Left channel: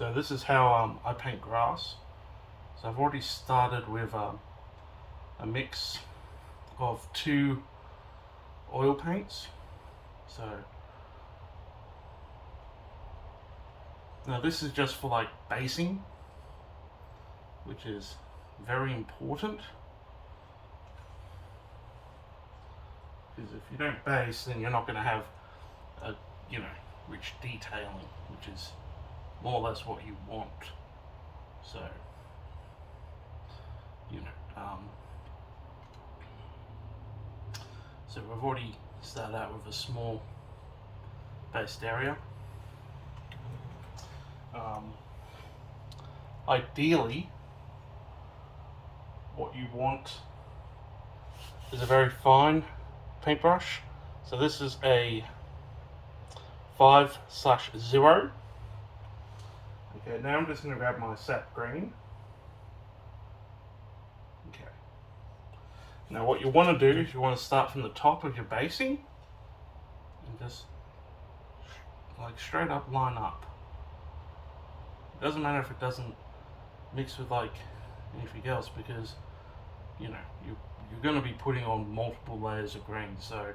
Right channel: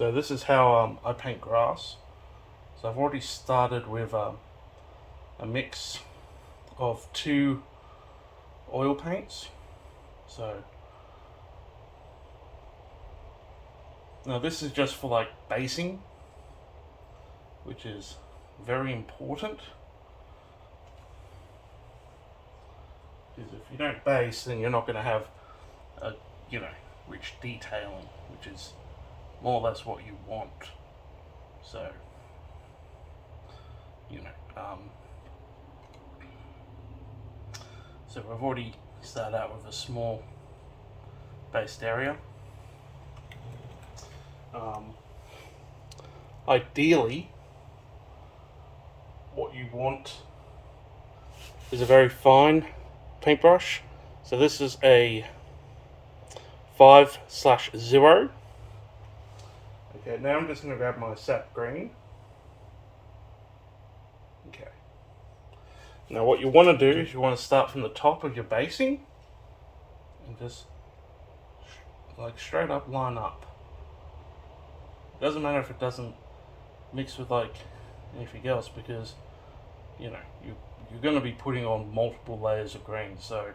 So this is how I paint grass. So I've already started with a mix of 2 oil paints. So now this is just for like basing, which is very important. Because if you don't base, then you're not going to have a, rich detailing, which is more or less what you want. So, so I've already started out with a small based area. Ideally, what you want is a very fine paintbrush. So this is a 5/0. Okay, now I'm just going to grab my sap green. Okay. Now what you want to do is you want to start from the top of your basing and just like straight up line up. It doesn't matter if it doesn't mix with like anything else, because you're going to be putting on multiple layers of green. So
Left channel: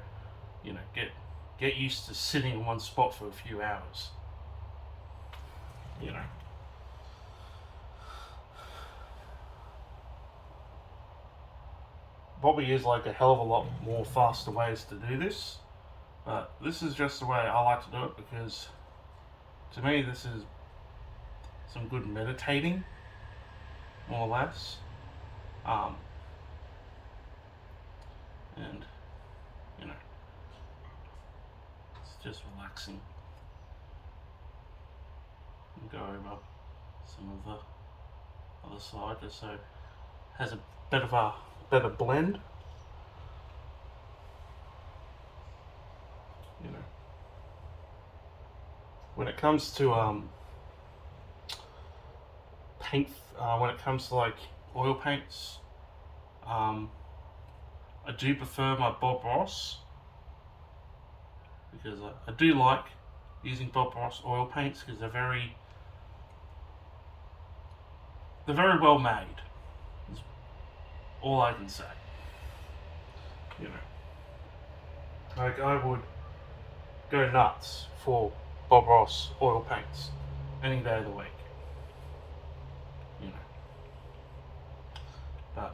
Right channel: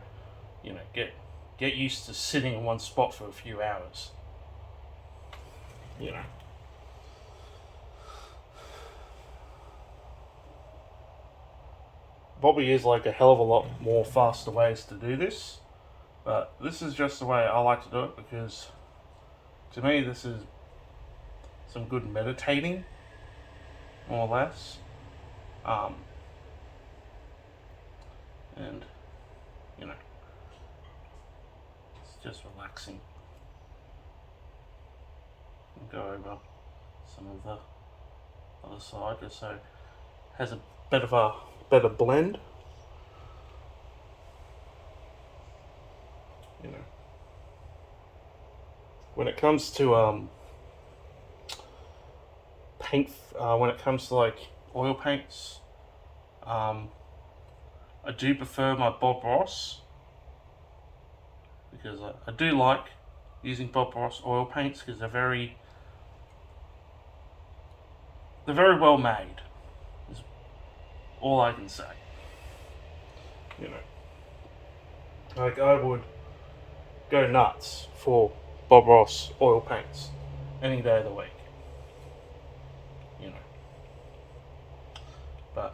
get used to sitting in one spot for a few hours. Probably is like a hell of a lot more faster ways to do this, but this is just the way I like to do it, because to me this is some good meditating, more or less. And it's just relaxing. And go over some of the other side just so it has a bit of a better blend. When it comes to paint, when it comes to like oil paints, I do prefer my Bob Ross, because I do like using Bob Ross oil paints, because they're very well made. Is all I can say. Like I would go nuts for Bob Ross oil paints any day of the week. But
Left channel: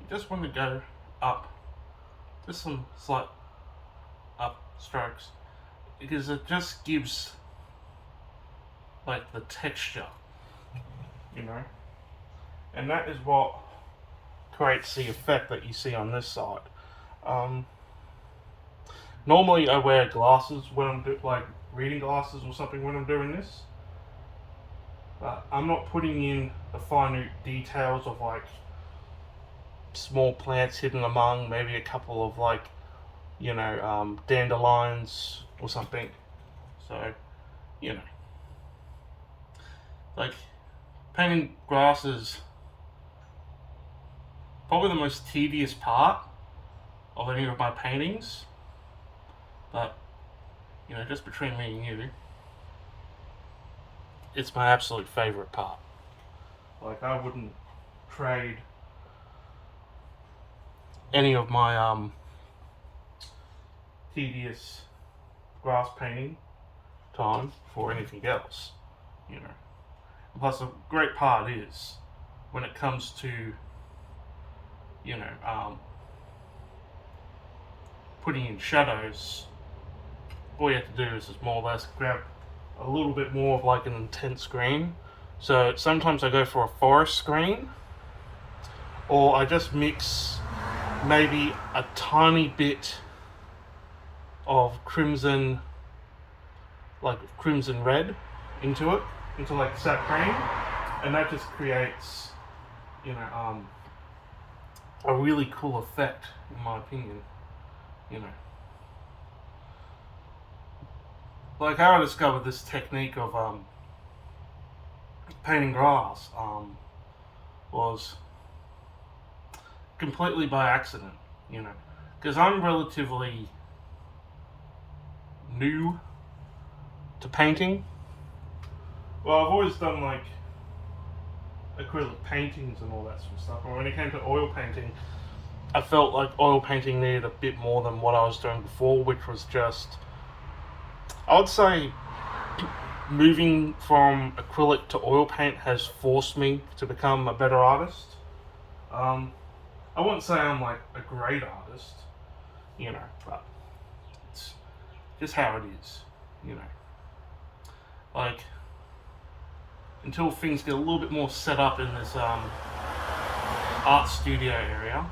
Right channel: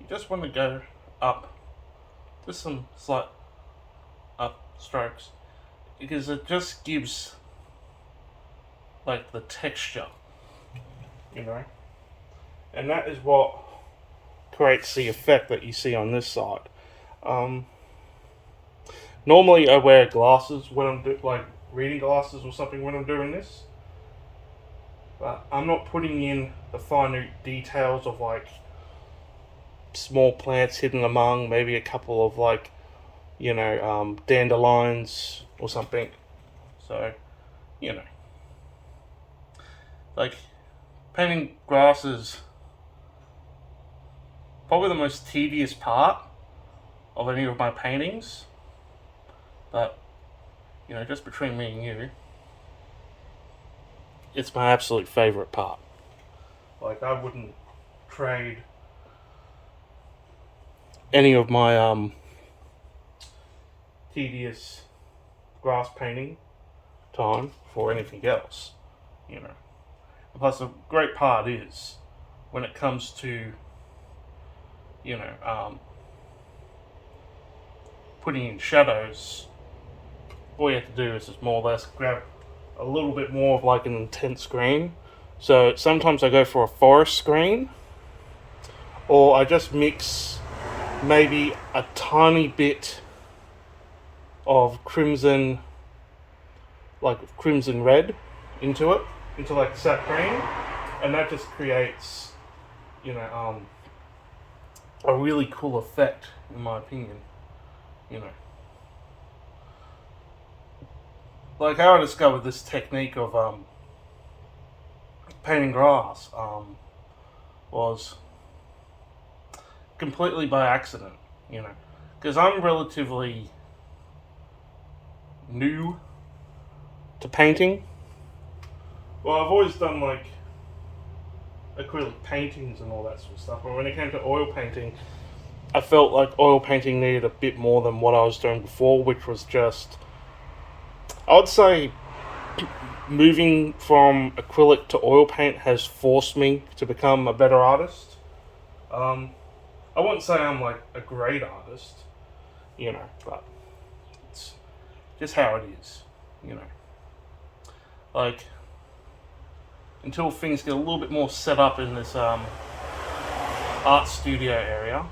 you just want to go up, just some slight up strokes, because it just gives like the texture, and that is what creates the effect that you see on this side. Normally I wear glasses when I'm like reading glasses or something when I'm doing this, but I'm not putting in the finer details of like small plants hidden among maybe a couple of like dandelions or something. So like painting grass is probably the most tedious part of any of my paintings, but just between me and you, it's my absolute favorite part. Like I wouldn't trade any of my tedious grass painting time for anything else. And plus the great part is when it comes to putting in shadows, all you have to do is just more or less grab a little bit more of like an intense green. So sometimes I go for a forest green, or I just mix maybe a tiny bit of crimson, like crimson red, into it, into like sap green, and that just creates, a really cool effect, in my opinion. Like how I discovered this technique of painting grass was completely by accident, because I'm relatively new to painting. Well, I've always done like acrylic paintings and all that sort of stuff, but when it came to oil painting, I felt like oil painting needed a bit more than what I was doing before, which was just, I would say, moving from acrylic to oil paint has forced me to become a better artist. I wouldn't say I'm like a great artist, but it's just how it is, you know. Like, until things get a little bit more set up in this art studio area,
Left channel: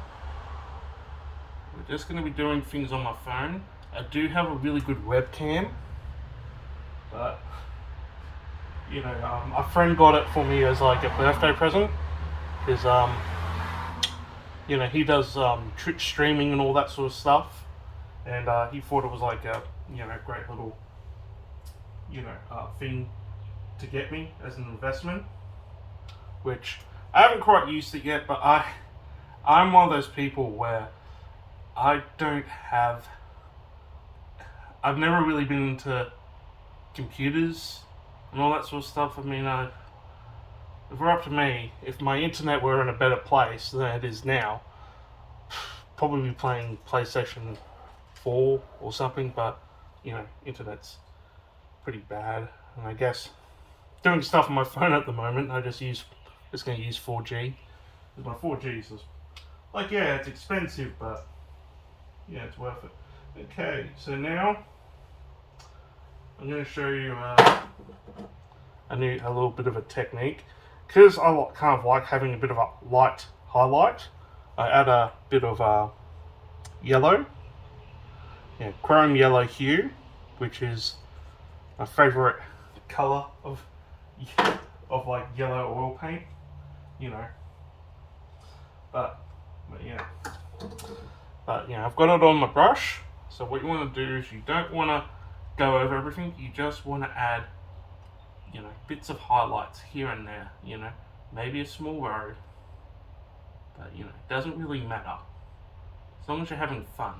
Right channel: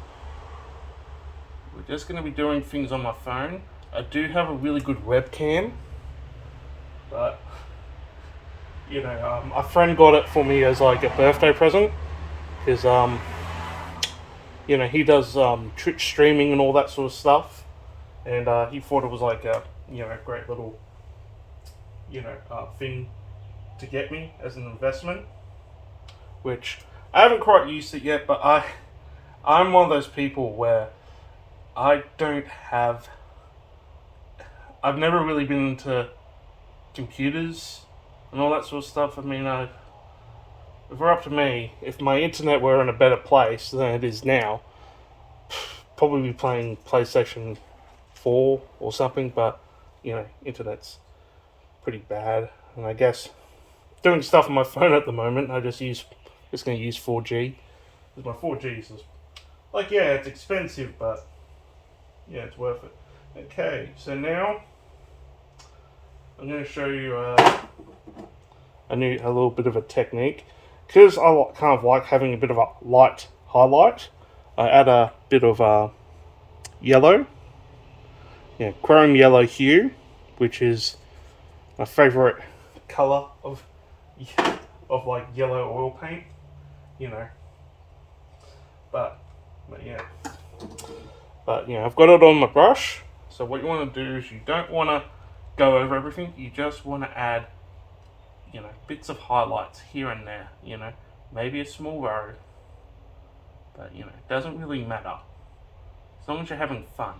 we're just going to be doing things on my phone. I do have a really good webcam, but a friend got it for me as like a birthday present, because he does Twitch streaming and all that sort of stuff, and he thought it was like a great little thing to get me as an investment, which I haven't quite used it yet, but I'm one of those people where I've never really been into computers and all that sort of stuff. I mean, if it were up to me, if my internet were in a better place than it is now, probably be playing PlayStation 4 or something, but, internet's pretty bad, and I guess doing stuff on my phone at the moment, I just going to use 4G. Because my 4G is just, like, yeah, it's expensive, but yeah, it's worth it. Okay, so now I'm going to show you a little bit of a technique. Because I kind of like having a bit of a light highlight, I add a bit of yellow, chrome yellow hue, which is my favourite colour of like yellow oil paint, But I've got it on my brush. So what you want to do is you don't want to go over everything. You just want to add, bits of highlights here and there. Maybe a small row, but it doesn't really matter as long as you're having fun.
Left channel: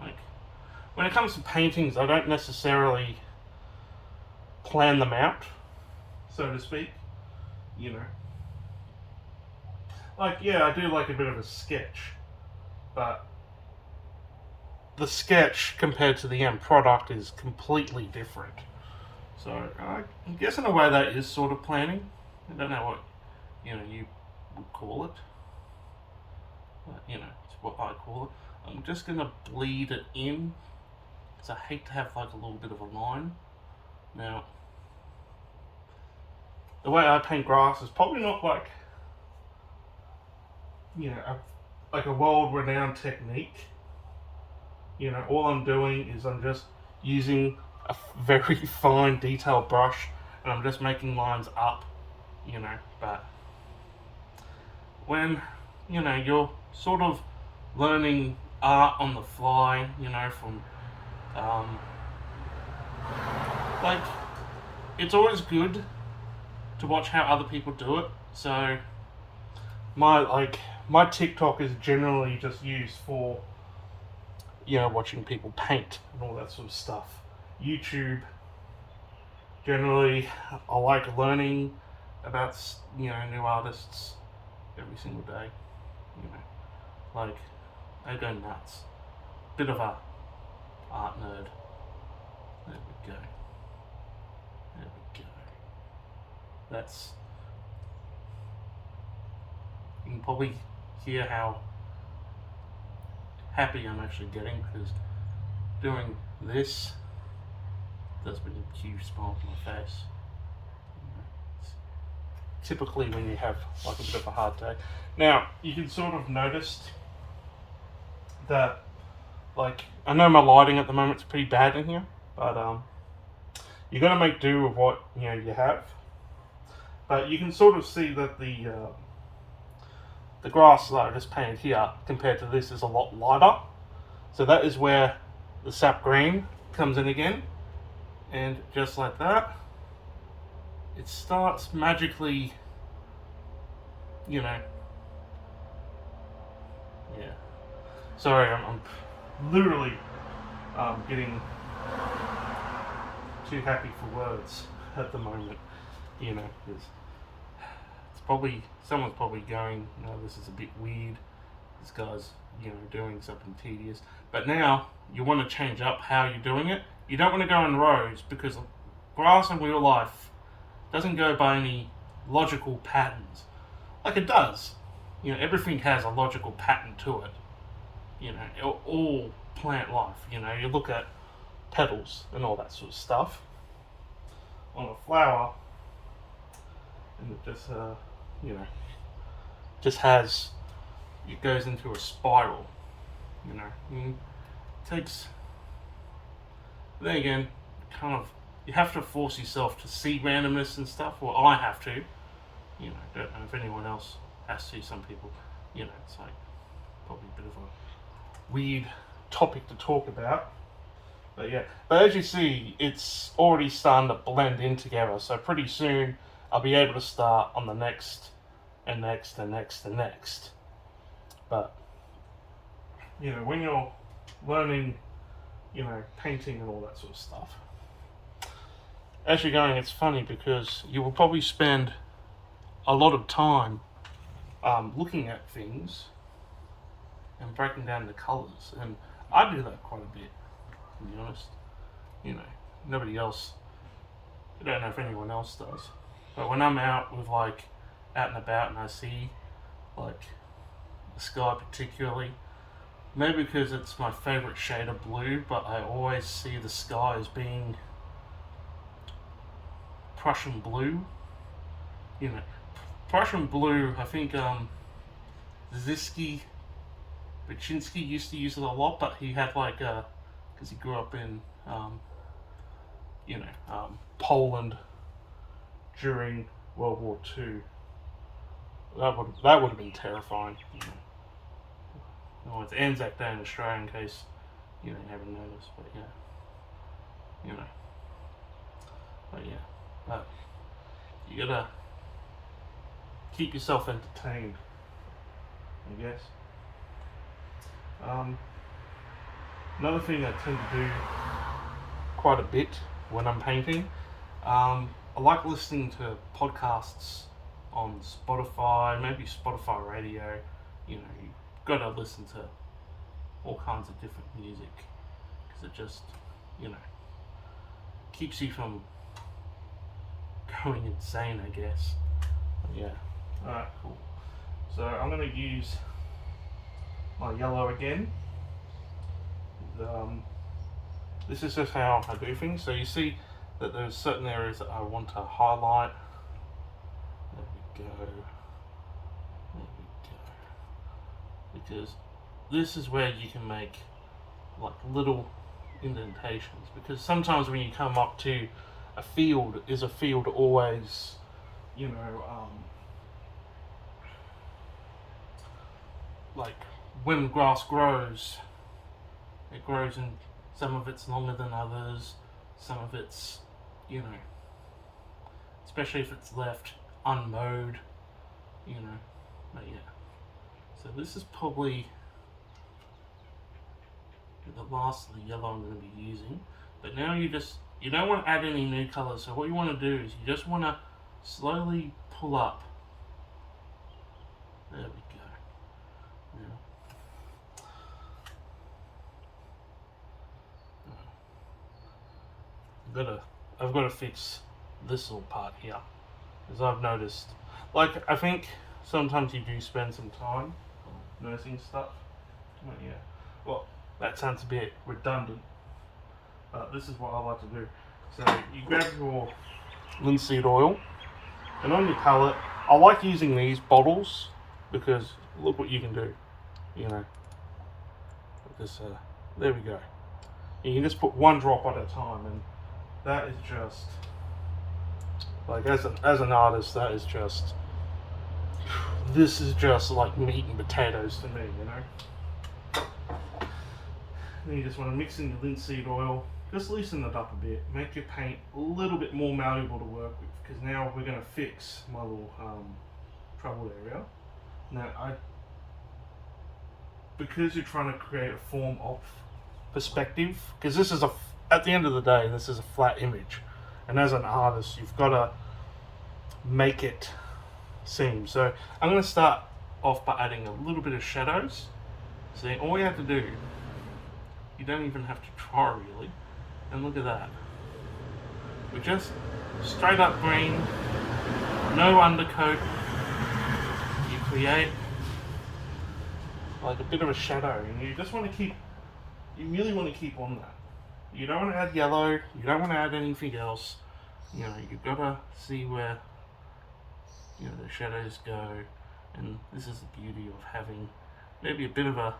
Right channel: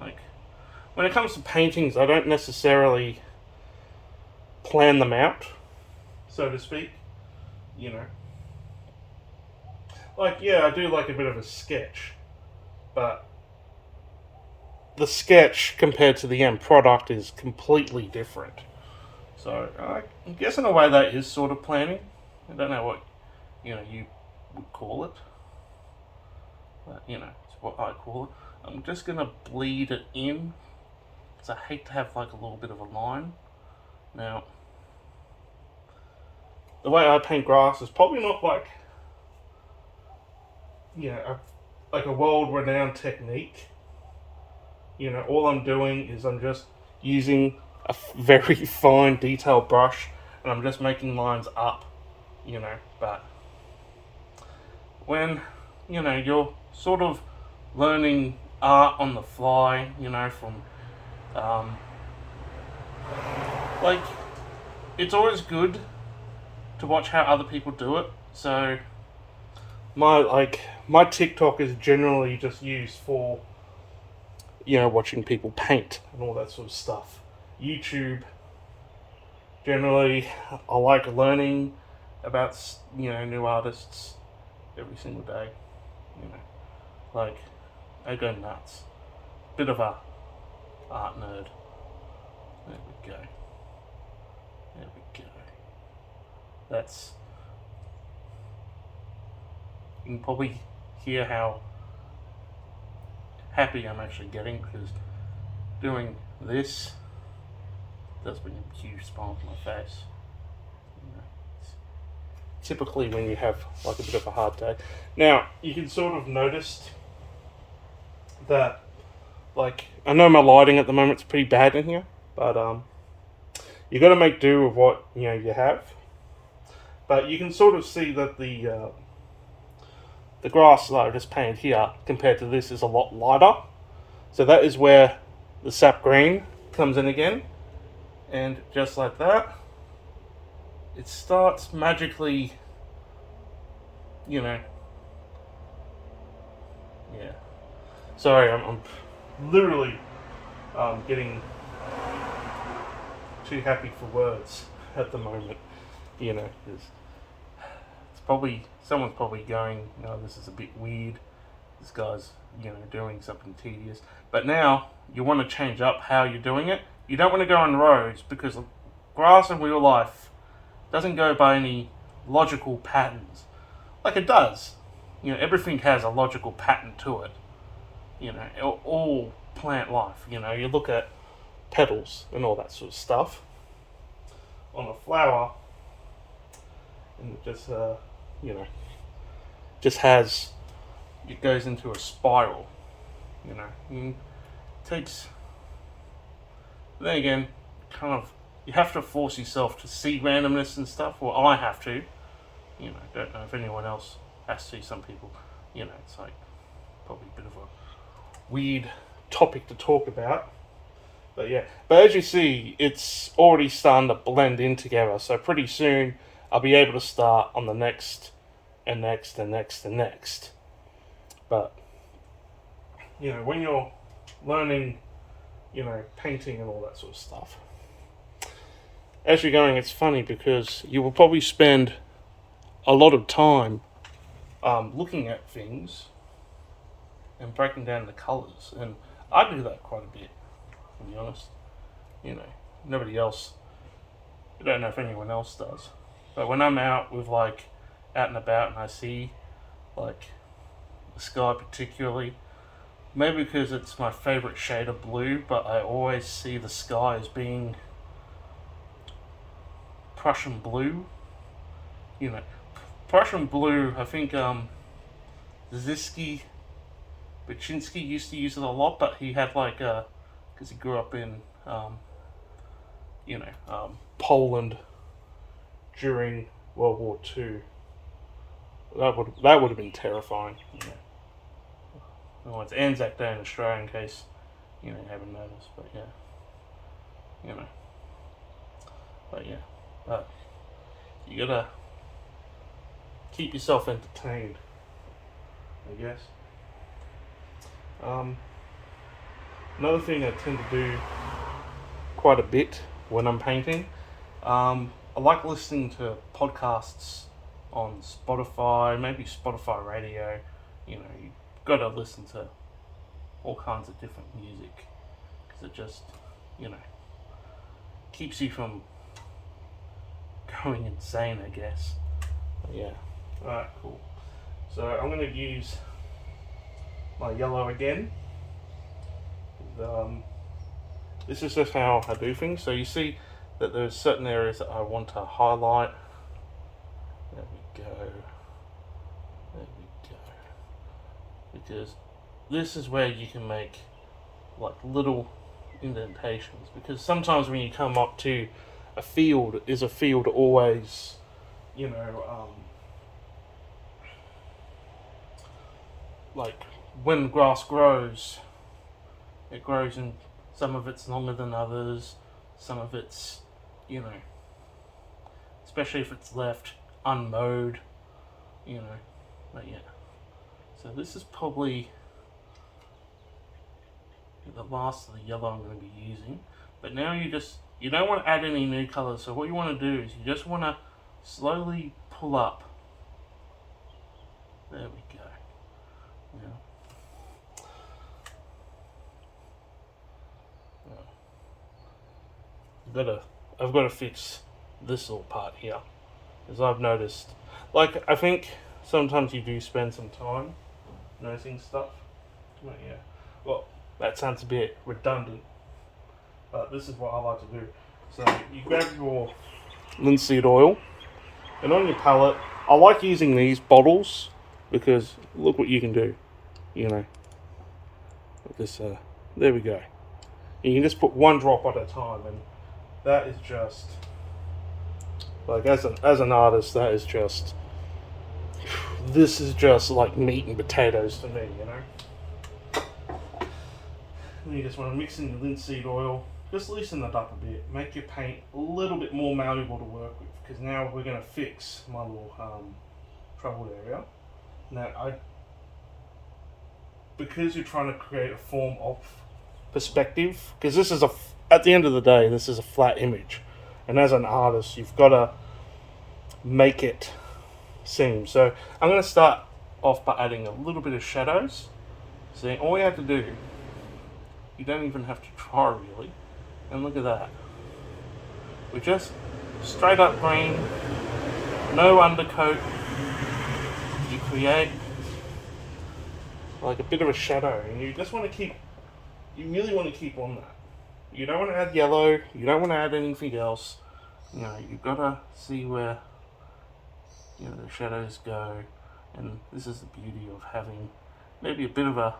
Like when it comes to paintings, I don't necessarily plan them out, so to speak. Like, yeah, I do like a bit of a sketch, but the sketch compared to the end product is completely different. So I guess in a way that is sort of planning. I don't know what you would call it, but it's what I call it. I'm just gonna bleed it in because I hate to have like a little bit of a line. Now, the way I paint grass is probably not like like a world-renowned technique. All I'm doing is I'm just using a very fine detailed brush and I'm just making lines up, but when, you're sort of learning art on the fly, from, like, it's always good to watch how other people do it. So my TikTok is generally just used for watching people paint and all that sort of stuff. YouTube, generally, I like learning about new artists every single day. Like, I go nuts. Bit of a art nerd. There we go. There we go. That's. You can probably hear how happy I'm actually getting, because doing this does bring a huge smile to my face. Typically when you have like a bit of a hard day. Now, you can sort of notice that, like, I know my lighting at the moment is pretty bad in here, but you got to make do with what you have. But you can sort of see that the grass that I just painted here compared to this is a lot lighter. So that is where the sap green comes in again. And just like that, it starts magically, yeah. Sorry, I'm literally getting too happy for words at the moment. You know, it's probably someone's probably going, "No, this is a bit weird. This guy's doing something tedious." But now you want to change up how you're doing it. You don't want to go in rows because grass in real life doesn't go by any logical patterns. Like it does. Everything has a logical pattern to it. All plant life. You look at petals and all that sort of stuff on a flower, and it just has, it goes into a spiral. It takes. Then again, kind of, you have to force yourself to see randomness and stuff. Well, I have to. Don't know if anyone else has to. Some people, it's like probably a bit of a weird topic to talk about. But yeah, but as you see, it's already starting to blend in together. So pretty soon, I'll be able to start on the next, and next, and next, and next. But when you're learning, painting and all that sort of stuff, as you're going, it's funny because you will probably spend a lot of time looking at things and breaking down the colours, and I do that quite a bit, to be honest. Nobody else, I don't know if anyone else does, but when I'm out and about and I see the sky particularly, maybe because it's my favourite shade of blue, but I always see the sky as being Prussian blue. Prussian blue, I think Zisky Baczynski used to use it a lot, but he had because he grew up in Poland during World War II. That would have been terrifying. Oh, it's Anzac Day in Australia, in case you haven't noticed. But but you gotta keep yourself entertained, I guess. Another thing I tend to do quite a bit when I'm painting, I like listening to podcasts on Spotify, maybe Spotify radio. You've got to listen to all kinds of different music because it just, keeps you from going insane, I guess. But yeah. Alright, cool. So I'm going to use my yellow again. This is just how I do things. So you see that there's certain areas that I want to highlight. There we go. There we go. Because this is where you can make little indentations. Because sometimes when you come up to a field, is a field always, when grass grows, it grows in, some of it's longer than others, some of it's, especially if it's left unmowed, but yeah. So this is probably the last of the yellow I'm going to be using, but now you don't want to add any new colours, so what you want to do is you just want to slowly pull up. There we go. Now, I've got to fix this little part here, as I've noticed. I think sometimes you do spend some time noticing stuff. But yeah. Well, that sounds a bit redundant, but this is what I like to do. So you grab your linseed oil, and on your palette, I like using these bottles because look what you can do. With this. There we go. You can just put one drop at a time, and that is just as an artist, that is just, this is just like meat and potatoes to me, Then you just want to mix in your linseed oil, just loosen it up a bit, make your paint a little bit more malleable to work with, because now we're going to fix my little trouble area. Now because you're trying to create a form of perspective, because this is at the end of the day, this is a flat image, and as an artist, you've got to make it seem. So I'm going to start off by adding a little bit of shadows. See, all you have to do, you don't even have to try really, and look at that. We're just straight up green, no undercoat. You create like a bit of a shadow, and you just want to keep, you really want to keep on that. You don't want to add yellow, you don't want to add anything else. You know, you've got to see where, you know, the shadows go, and this is the beauty of having maybe a bit of a,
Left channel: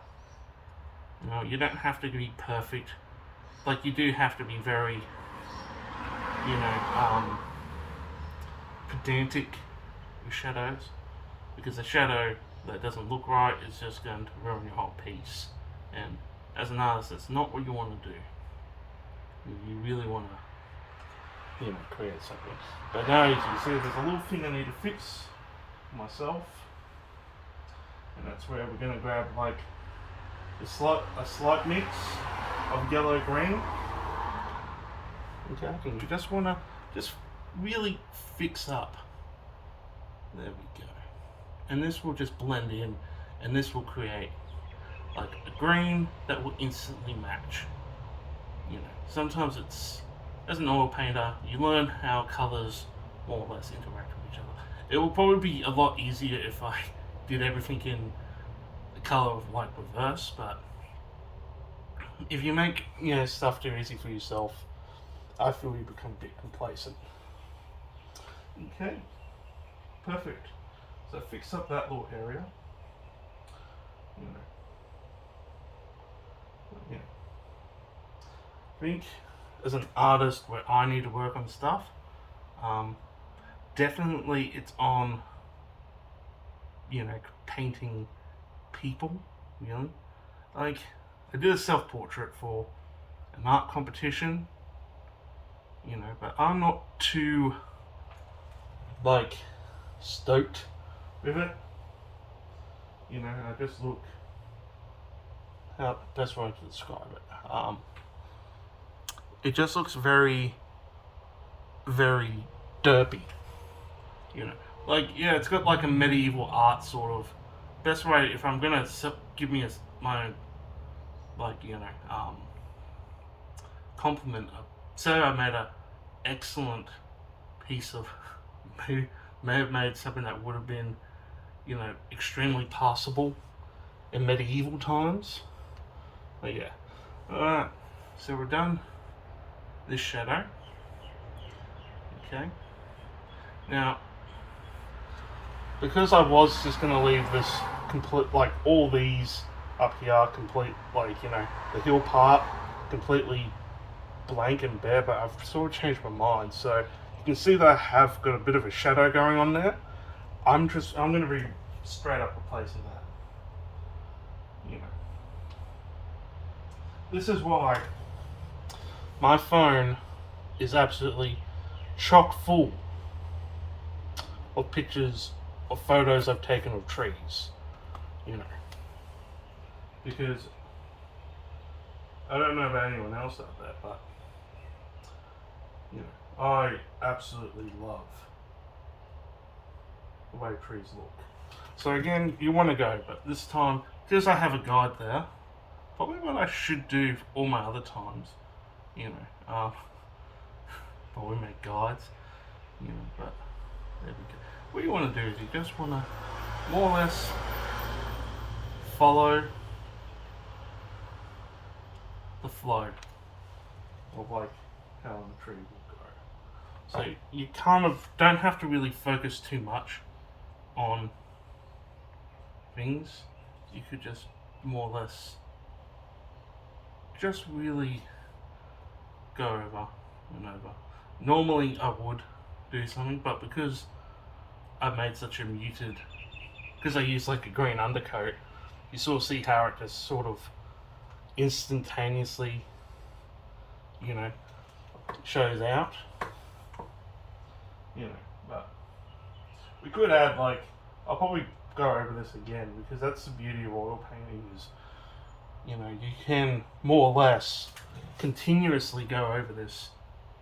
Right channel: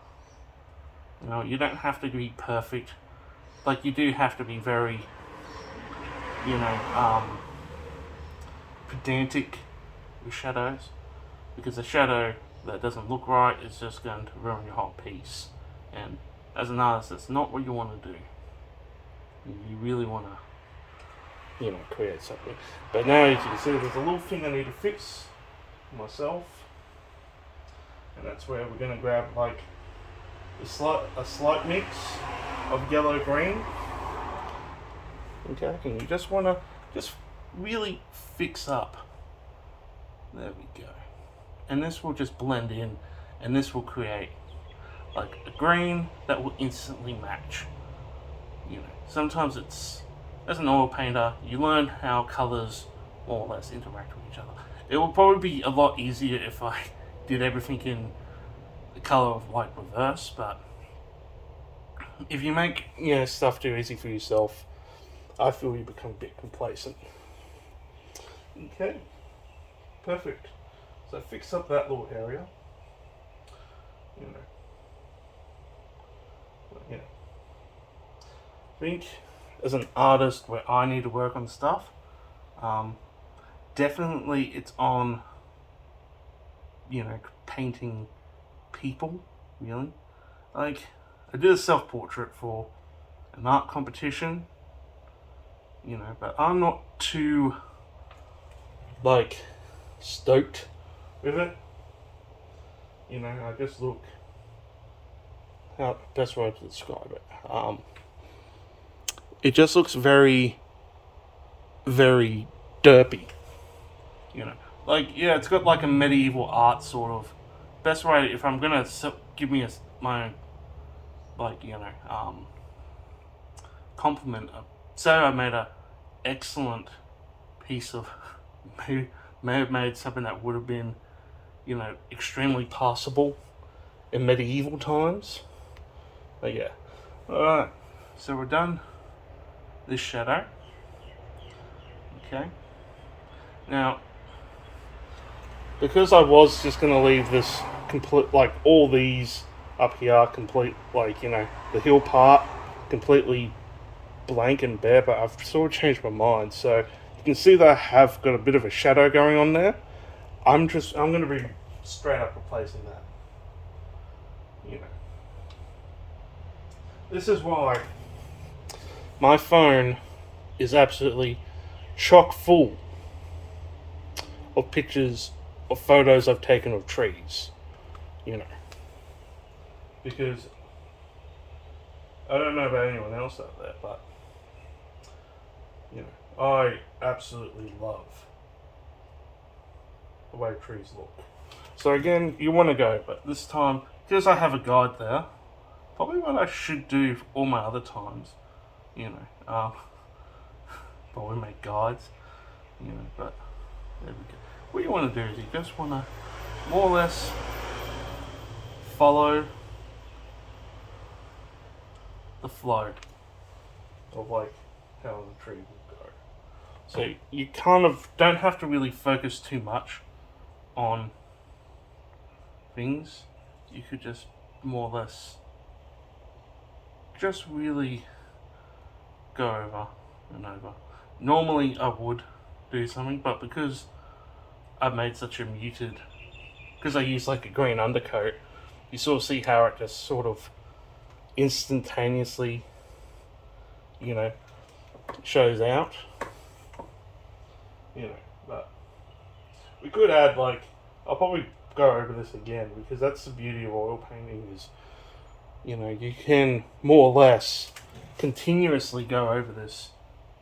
you know, you don't have to be perfect, like you do have to be very, you know, pedantic with shadows, because a shadow that doesn't look right is just going to ruin your whole piece. And as an artist, that's not what you want to do. You really want to, you know, create something. But now, as you can see, there's a little thing I need to fix myself, and that's where we're going to grab like a slight mix of yellow green. Okay, and you just want to just really fix up. There we go. And this will just blend in, and this will create like a green that will instantly match. You know, sometimes it's, as an oil painter, you learn how colors more or less interact with each other. It will probably be a lot easier if I did everything in the color of light reverse, but if you make, you know, stuff too easy for yourself, I feel you become a bit complacent. Okay, perfect. So fix up that little area. You know, yeah. I think as an artist, where I need to work on stuff, definitely it's on, you know, painting people. Really, like I did a self-portrait for an art competition. You know, but I'm not too like stoked with it. You know, I just look, how best way to describe it. It just looks very, very derpy. You know, like, yeah, it's got like a medieval art sort of. Best way, if I'm gonna give me my, like, you know, compliment. Say I made a excellent piece of, may have made something that would have been, you know, extremely passable in medieval times. But yeah. Alright, so we're done this shadow. Okay. Now, because I was just going to leave this complete, like all these up here complete, like, you know, the hill part completely blank and bare, but I've sort of changed my mind. So you can see that I have got a bit of a shadow going on there. I'm going to be straight up replacing that. You know, this is why my phone is absolutely chock full of pictures of photos I've taken of trees. You know, because I don't know about anyone else out there, but you know, I absolutely love the way trees look. So again, you want to go, but this time, because I have a guide there, probably what I should do for all my other times, you know, probably make guides, you know, but there we go. What you want to do is you just want to more or less follow the flow of like how the tree will go. So you kind of don't have to really focus too much on things. You could just more or less just really go over and over. Normally I would do something, but because I've made such a muted, because I use like a green undercoat, you sort of see how it just sort of instantaneously, you know, shows out. You know, but we could add like, I'll probably go over this again, because that's the beauty of oil painting is, you know, you can more or less continuously go over this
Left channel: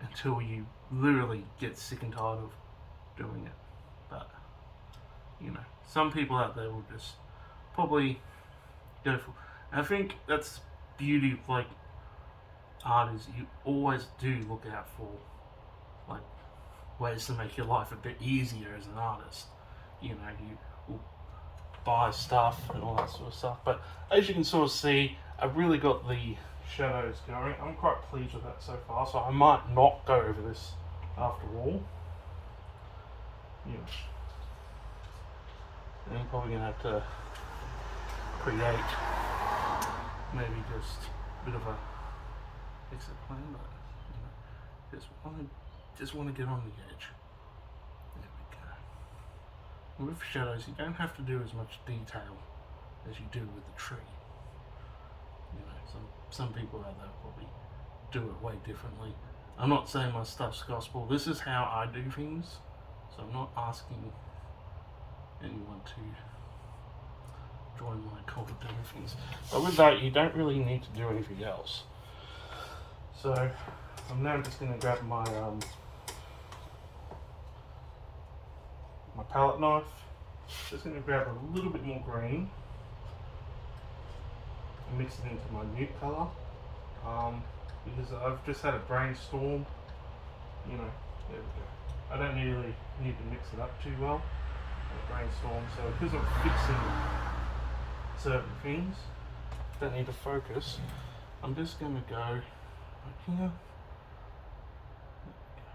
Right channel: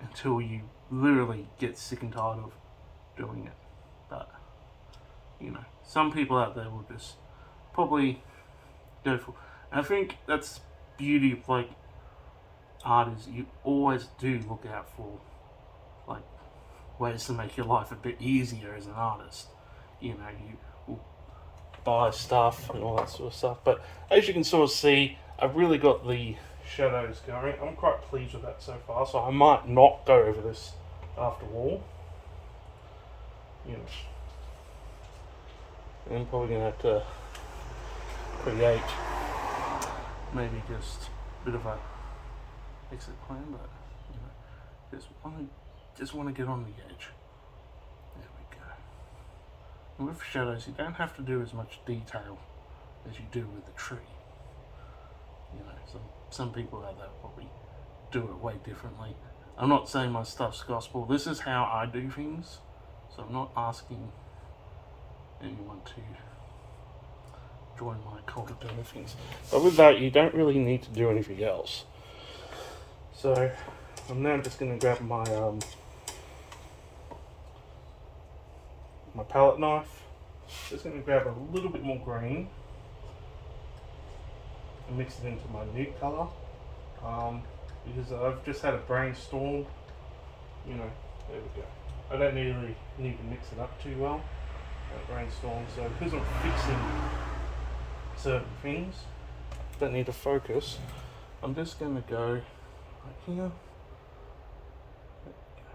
until you literally get sick and tired of doing it. But, you know, some people out there will just probably go for. And I think that's beauty of like art is you always do look out for like ways to make your life a bit easier as an artist. You know, you will buy stuff and all that sort of stuff. But as you can sort of see, I've really got the shadows going. I'm quite pleased with that so far, so I might not go over this after all. You know, and I'm probably gonna have to create maybe just a bit of a exit plan, but you know, just want to get on the edge. There we go. And with shadows, you don't have to do as much detail as you do with the tree. You know, some people out there probably do it way differently. I'm not saying my stuff's gospel. This is how I do things, so I'm not asking anyone to join my cult of doing things. But with that, you don't really need to do anything else. So I'm now just going to grab my my palette knife. Just going to grab a little bit more green and mix it into my nude colour. Because I've just had a brainstorm. You know, there we go. I don't really need to mix it up too well. A brainstorm. So because I'm fixing certain things, don't need to focus. I'm just going to go right here. There we go.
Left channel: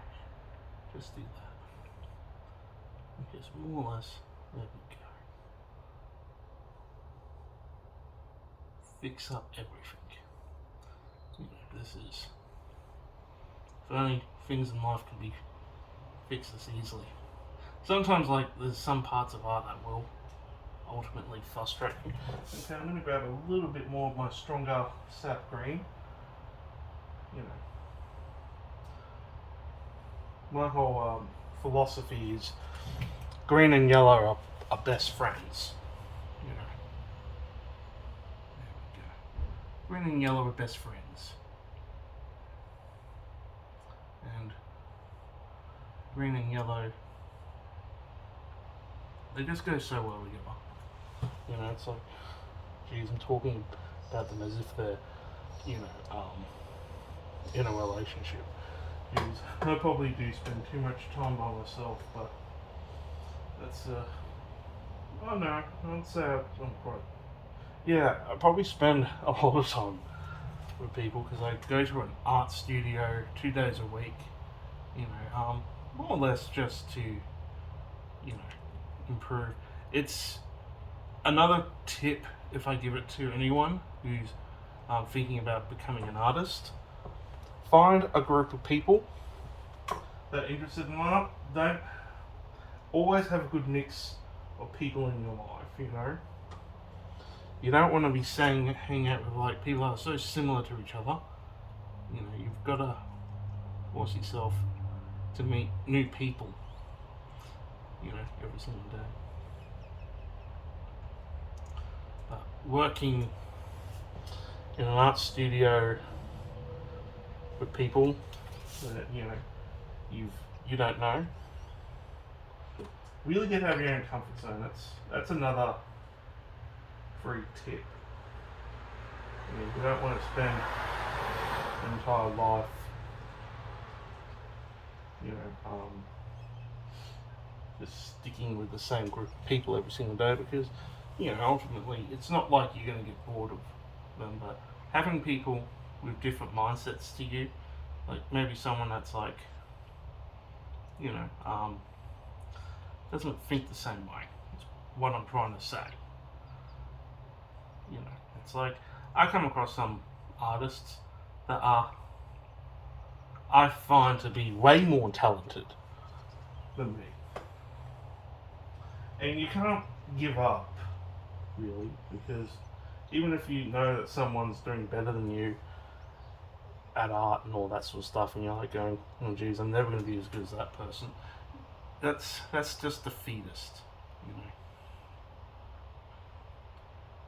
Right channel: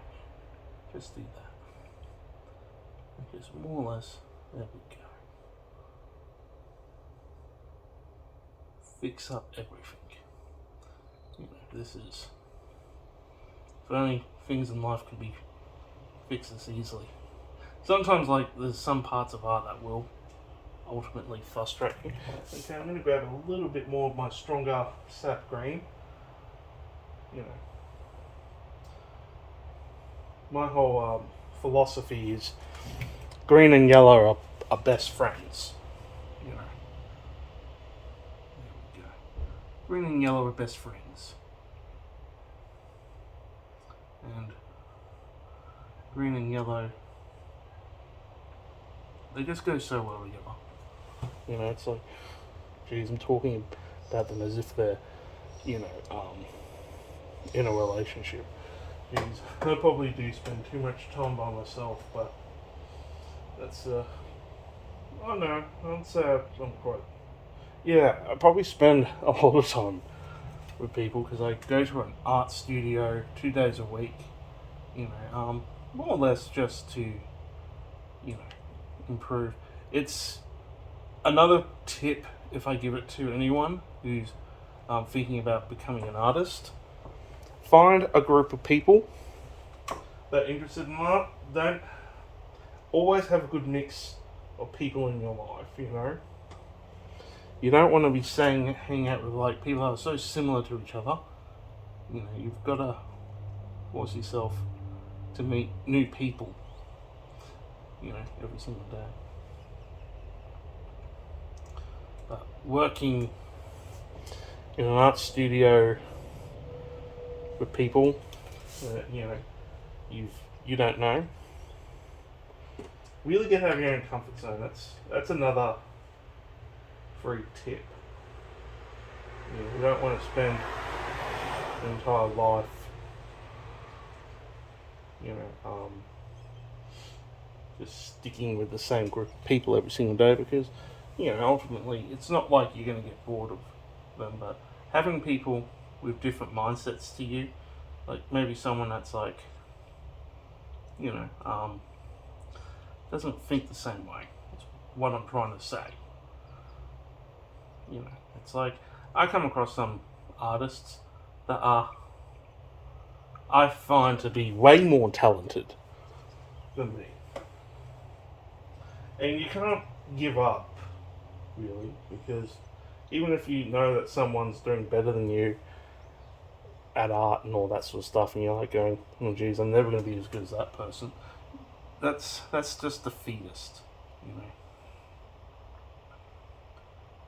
Just do that. Just more or less. There we go. Fix up everything. You know, this is. If only things in life could be fixed this easily. Sometimes, like, there's some parts of art that will ultimately frustrate me. Okay, I'm going to grab a little bit more of my stronger sap green. You know, my whole philosophy is green and yellow are best friends. You know, there we go. Green and yellow are best friends, and green and yellow, they just go so well together. You know, it's like, geez, I'm talking about them as if they're, you know, in a relationship. Geez, I probably do spend too much time by myself, but that's, I don't know, I'd say I'm quite, yeah, I probably spend a lot of time with people because I go to an art studio 2 days a week, you know, more or less just to, you know, improve. It's another tip if I give it to anyone who's thinking about becoming an artist. Find a group of people that are interested in art. Don't always have a good mix of people in your life, you know. You don't want to be hang out with like people that are so similar to each other. You know, you've got to force yourself to meet new people, you know, every single day. But working in an art studio with people that, you know, you don't know, really get out of your own comfort zone. That's another free tip. You don't want to spend your entire life, you know, just sticking with the same group of people every single day, because, you know, ultimately it's not like you're going to get bored of them. But having people with different mindsets to you, like maybe someone that's like, you know, doesn't think the same way. That's what I'm trying to say. You know, it's like I come across some artists that I find to be way more talented than me, and you can't give up, really, because even if you know that someone's doing better than you at art and all that sort of stuff, and you're like going, oh geez, I'm never going to be as good as that person, that's just defeatist, you know.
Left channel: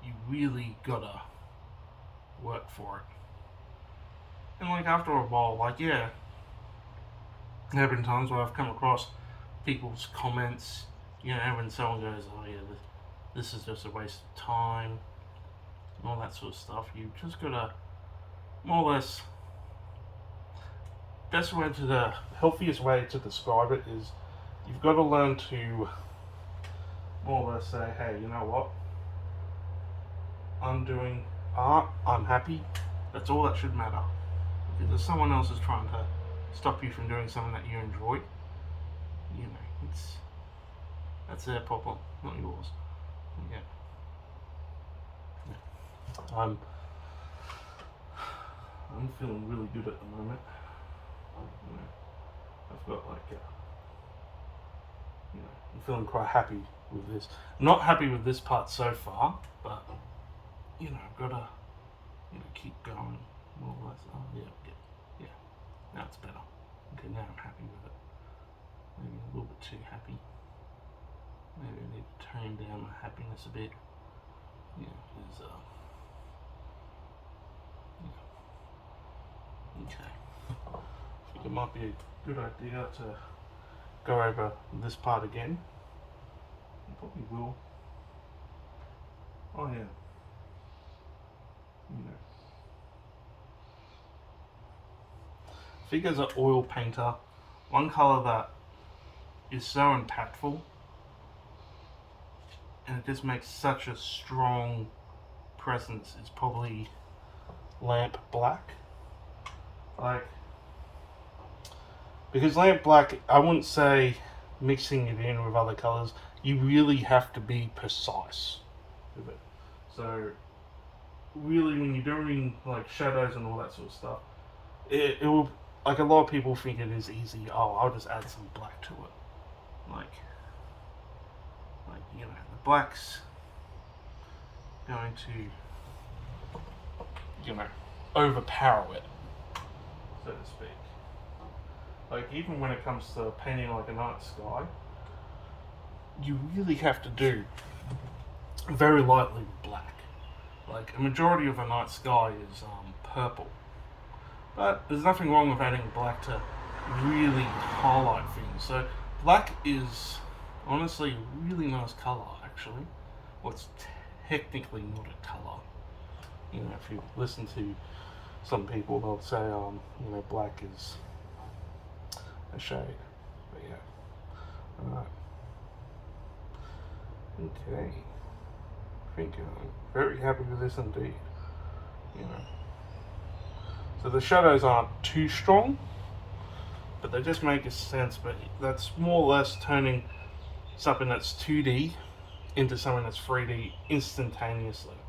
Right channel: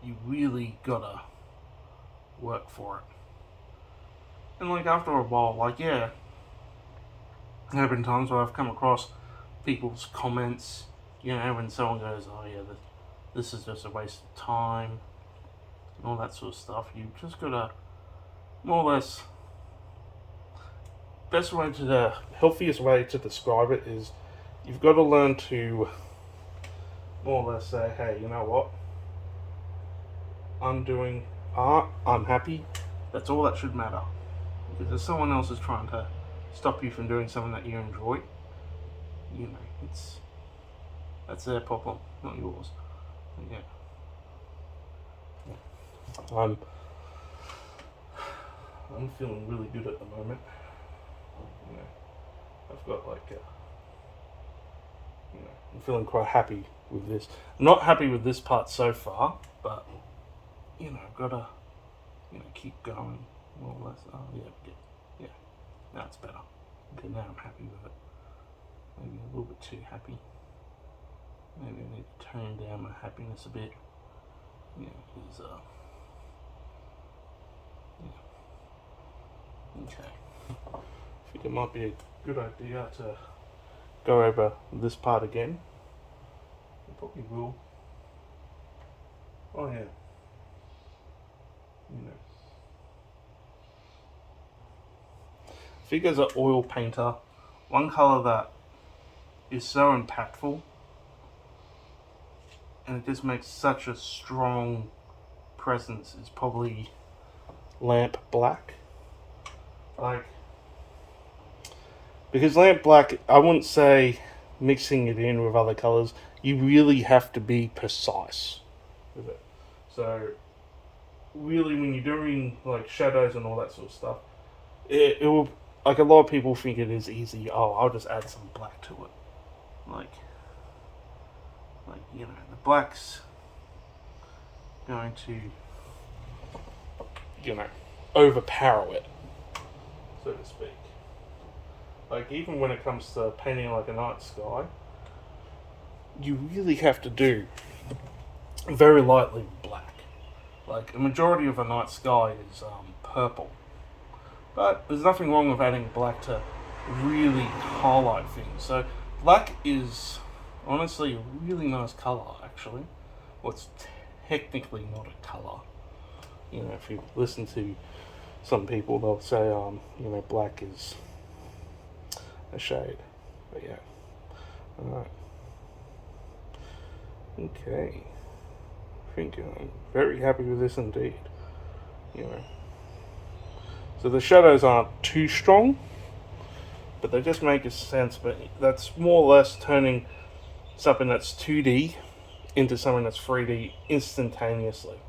You really gotta work for it. And like after a while, like yeah, there have been times where I've come across people's comments, you know, when someone goes, "Oh yeah, this is just a waste of time," and all that sort of stuff. You just gotta more or less. Best way to the healthiest way to describe it is, you've got to learn to more or less say, "Hey, you know what? I'm doing art. I'm happy. That's all that should matter." Because if someone else is trying to stop you from doing something that you enjoy, you know, that's their problem, not yours. Yeah. Yeah. I'm feeling really good at the moment. You know, I've got like you know, I'm feeling quite happy with this. I'm not happy with this part so far, but you know, I've got to keep going more or less. Oh yeah, yeah. Now it's better. Okay, now I'm happy with it. Maybe a little bit too happy. Maybe I need to tone down my happiness a bit. Yeah, because yeah. Okay. I think it might be a good idea to go over this part again. I probably will. Oh yeah. You know. Figures an oil painter. One colour that is so impactful, and it just makes such a strong presence, is probably lamp black. Like, because lamp black, I wouldn't say mixing it in with other colours. You really have to be precise with it. So, really, when you're doing like shadows and all that sort of stuff, it will, like, a lot of people think it is easy. Oh, I'll just add some black to it. Like you know, the black's going to, you know, overpower it, so to speak. Like, even when it comes to painting like a night sky, you really have to do very lightly with black. Like, a majority of a night sky is purple, but there's nothing wrong with adding black to really highlight things. So black is honestly a really nice colour, actually. Well, it's technically not a colour. You know, if you listen to some people, they'll say, you know, black is a shade. But yeah, alright. Okay. I think I'm very happy with this indeed. You know. So the shadows aren't too strong, but they just make a sense. But that's more or less turning something that's 2D into something that's 3D instantaneously.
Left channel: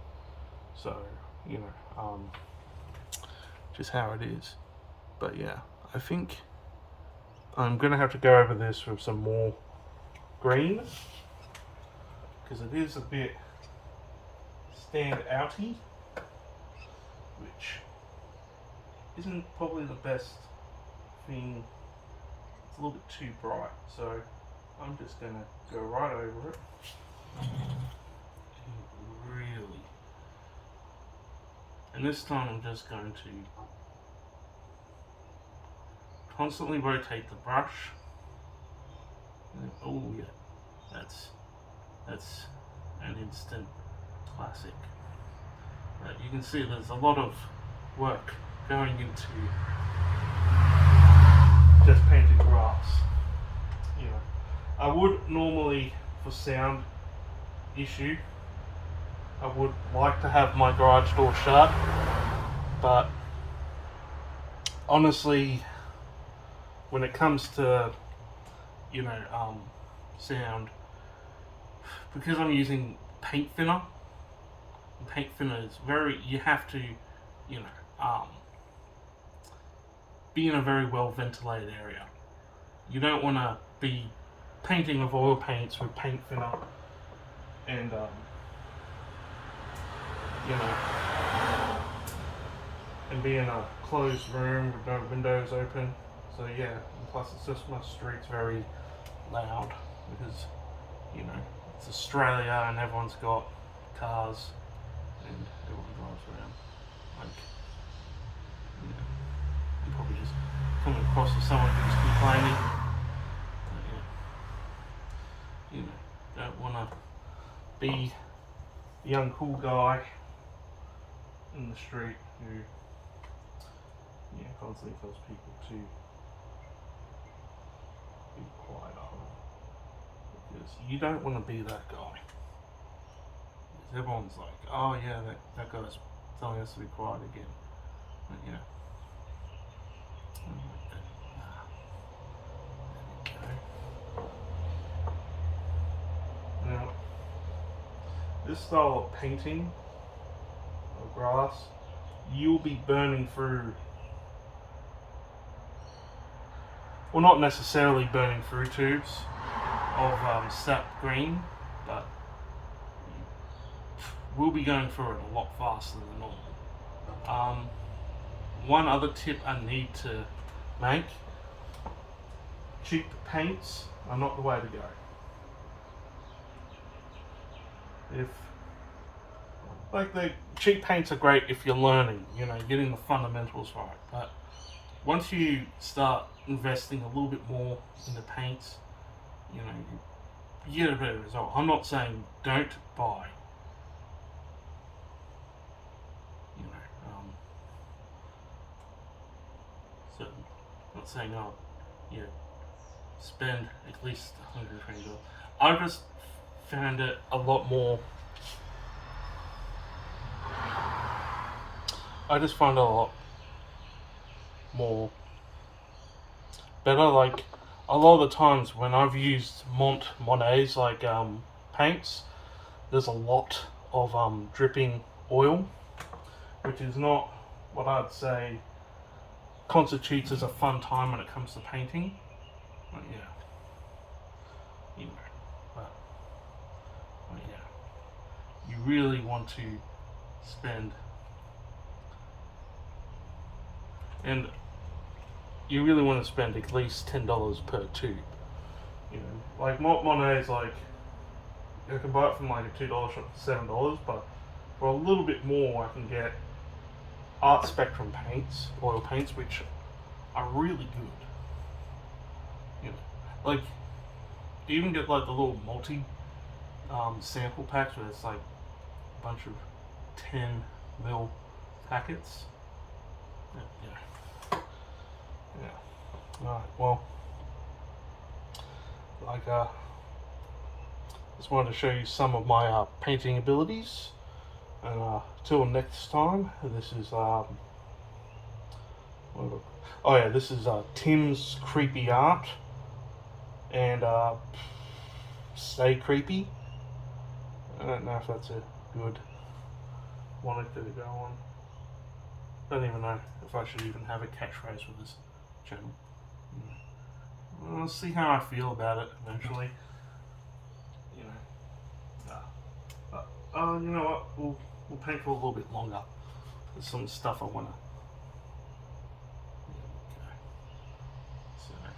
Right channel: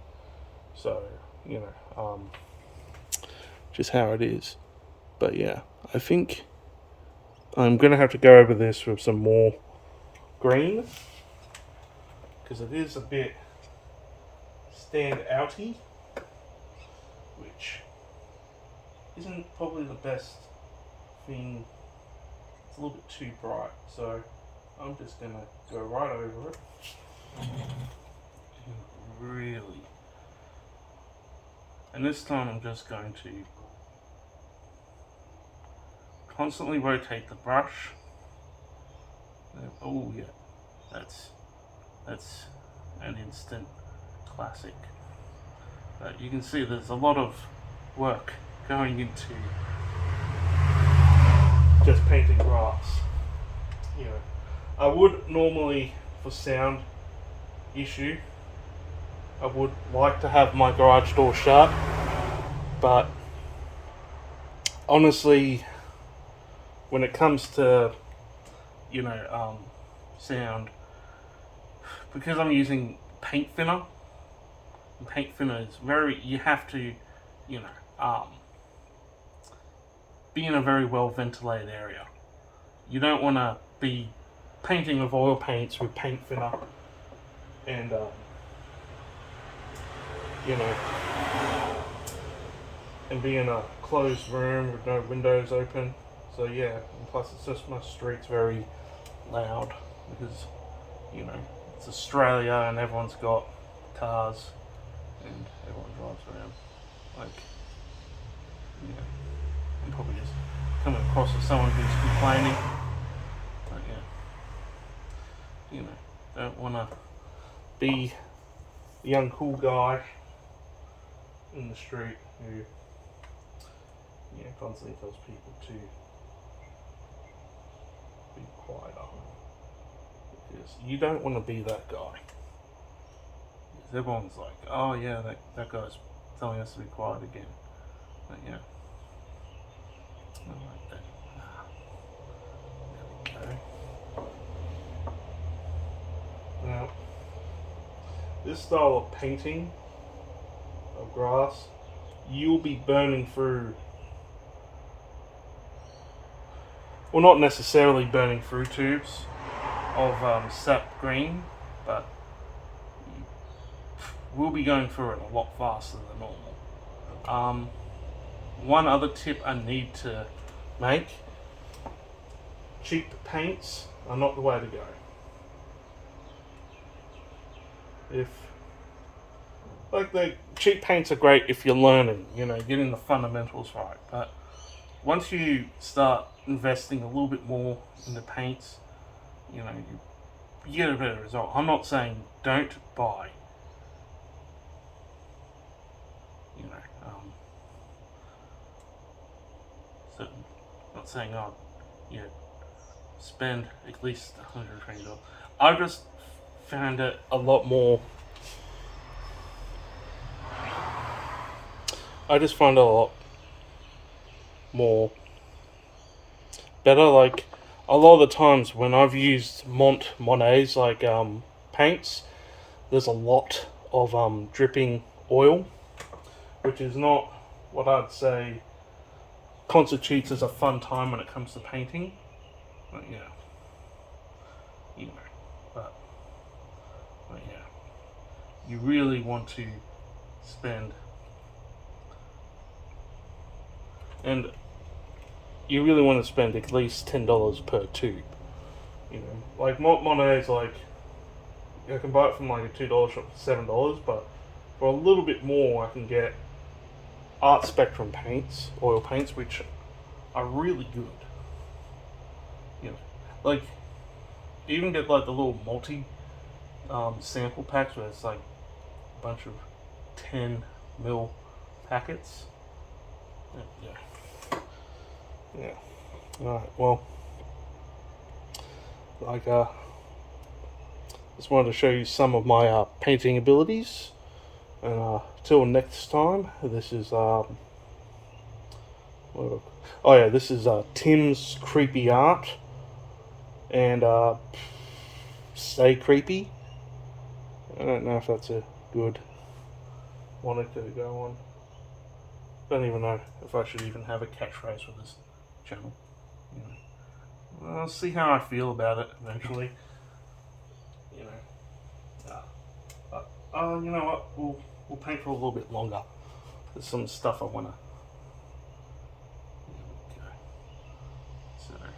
So, you know, just how it is. But yeah, I think I'm gonna have to go over this with some more green, because it is a bit stand outy, which isn't probably the best thing. It's a little bit too bright, so I'm just gonna go right over it and really, and this time I'm just going to constantly rotate the brush. Oh yeah, that's an instant classic. You can see there's a lot of work going into just painting grass. You know, I would normally, for sound issue, I would like to have my garage door shut, but honestly, when it comes to, you know, sound, because I'm using paint thinner, and paint thinner is very, you have to, you know, be in a very well ventilated area. You don't want to be painting with oil paints with paint thinner and, you know, and be in a closed room with no windows open. So yeah, and plus it's just, my street's very loud because, you know, it's Australia and everyone's got cars and everyone drives around. Like, you know, coming across as someone who's complaining. But yeah, don't want to be the young cool guy in the street who constantly tells people to be quiet up, because you don't want to be that guy. Because everyone's like, oh yeah, that guy's telling us to be quiet again. But yeah, I like that. There we go. Now, this style of painting of grass, you'll be burning through, well, not necessarily burning through tubes of sap green, but you will be going through it a lot faster than normal. One other tip I need to make: cheap paints are not the way to go. The cheap paints are great if you're learning, getting the fundamentals right. But once you start investing a little bit more in the paints, you get a better result. I'm not saying don't buy, I'm not saying spend at least $120. I just found it a lot more. I just find it a lot more better. Like, a lot of the times when I've used Monet's paints, there's a lot of dripping oil, which is not what I'd say constitutes as a fun time when it comes to painting. But you really want to spend, and you really want to spend at least $10 per tube. Like Monet's, I can buy it from like a $2 shop for $7, but for a little bit more, I can get Art Spectrum paints, oil paints, which are really good. You even get like the little multi sample packs where it's like a bunch of 10 ml packets. Yeah. Alright, well, just wanted to show you some of my painting abilities. Till next time, this is this is Tim's Creepy Art and Stay Creepy. I don't know if that's a good one to go on. Don't even know if I should even have a catchphrase for this channel. I'll see how I feel about it eventually. You know what? We'll paint for a little bit longer. There's some stuff I wanna. Okay. So. There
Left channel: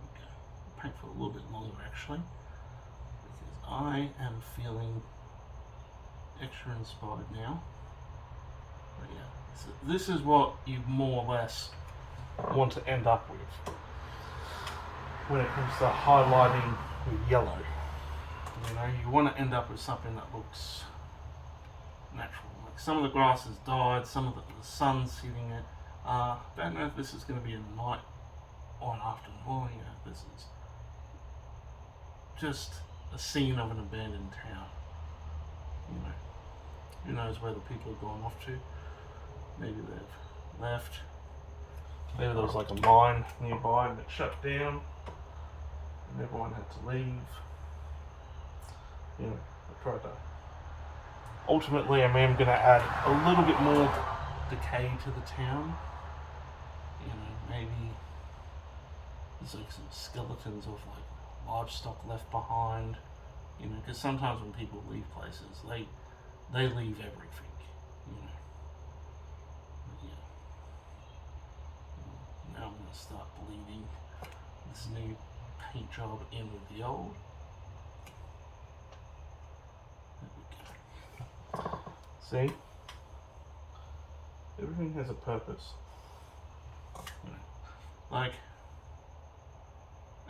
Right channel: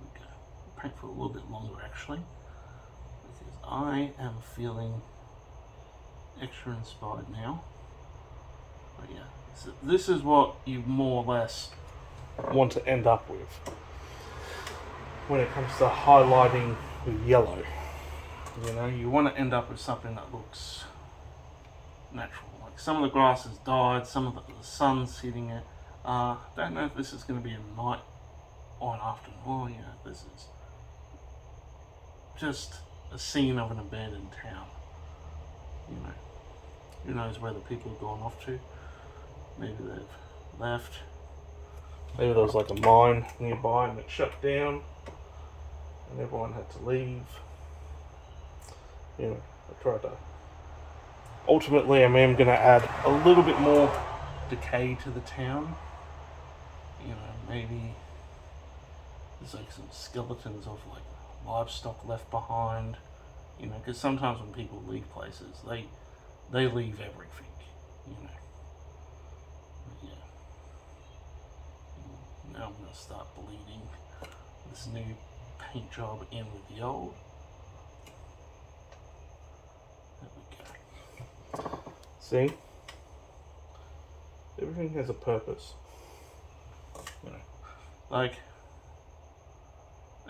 we go. Paint for a little bit longer actually, because I am feeling extra inspired now. But yeah, so this is what you more or less want to end up with when it comes to highlighting with yellow. You want to end up with something that looks natural. Like some of the grass has died, some of the sun's hitting it. Don't know if this is going to be a night or an afternoon. Oh yeah, this is just a scene of an abandoned town. Who knows where the people have gone off to? Maybe they've left. Maybe there was like a mine nearby and it shut down and everyone had to leave. I tried to. Ultimately, I am going to add a little bit more decay to the town. Maybe there's like some skeletons of like livestock left behind. Because sometimes when people leave places, they leave everything. Now I'm going to start bleeding this new paint job in with the old. There we go. See? Everything has a purpose. You know, like,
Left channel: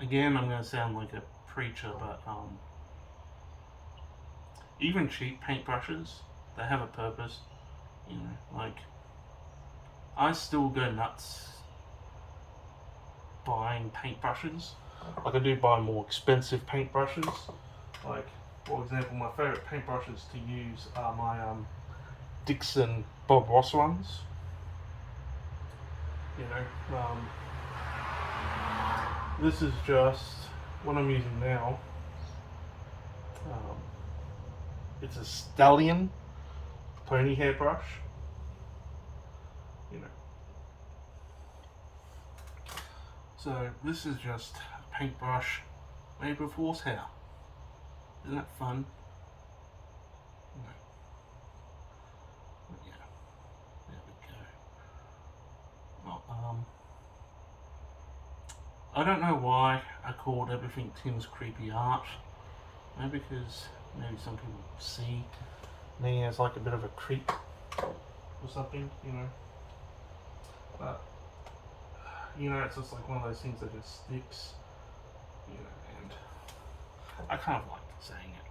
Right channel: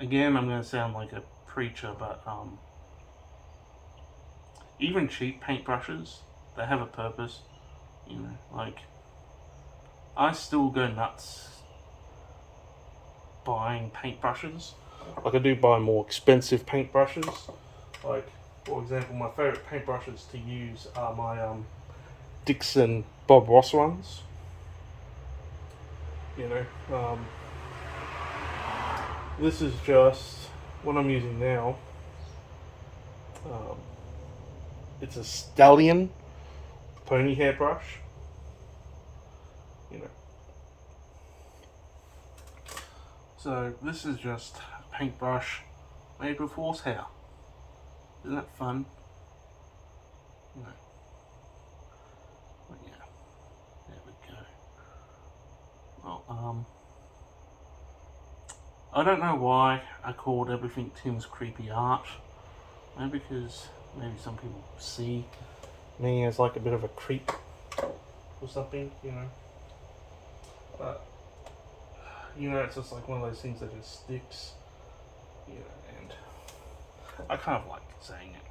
again, I'm gonna sound like a preacher, but even cheap paintbrushes, they have a purpose. You know, like, I still go nuts buying paintbrushes. Like, I do buy more expensive paintbrushes. Like, for example, my favourite paintbrushes to use are my Dixon Bob Ross ones. You know, this is just what I'm using now. It's a Stallion pony hairbrush. You know, so this is just a paintbrush made with horsehair. Isn't that fun? You know. But yeah, there we go. Well, I don't know why I called everything Tim's Creepy Art. Maybe because maybe some people see me as like a bit of a creep or something, you know. But you know, it's just like one of those things that just sticks, you know. And I kind of like saying it.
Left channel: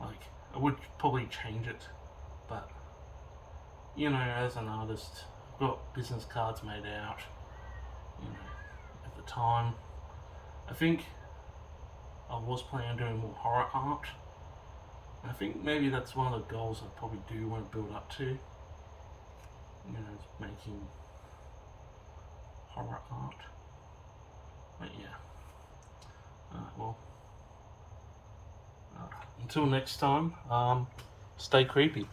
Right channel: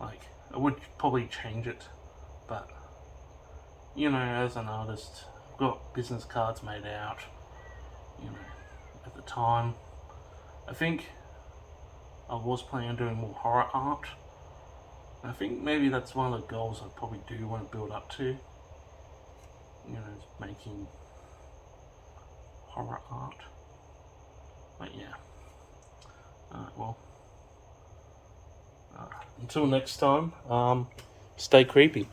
Like, I would probably change it, but you know, as an artist, I've got business cards made out. You know, at the time, I think I was planning on doing more horror art. I think maybe that's one of the goals I probably do want to build up to. You know, making horror art. But yeah. Well, until next time, stay creepy.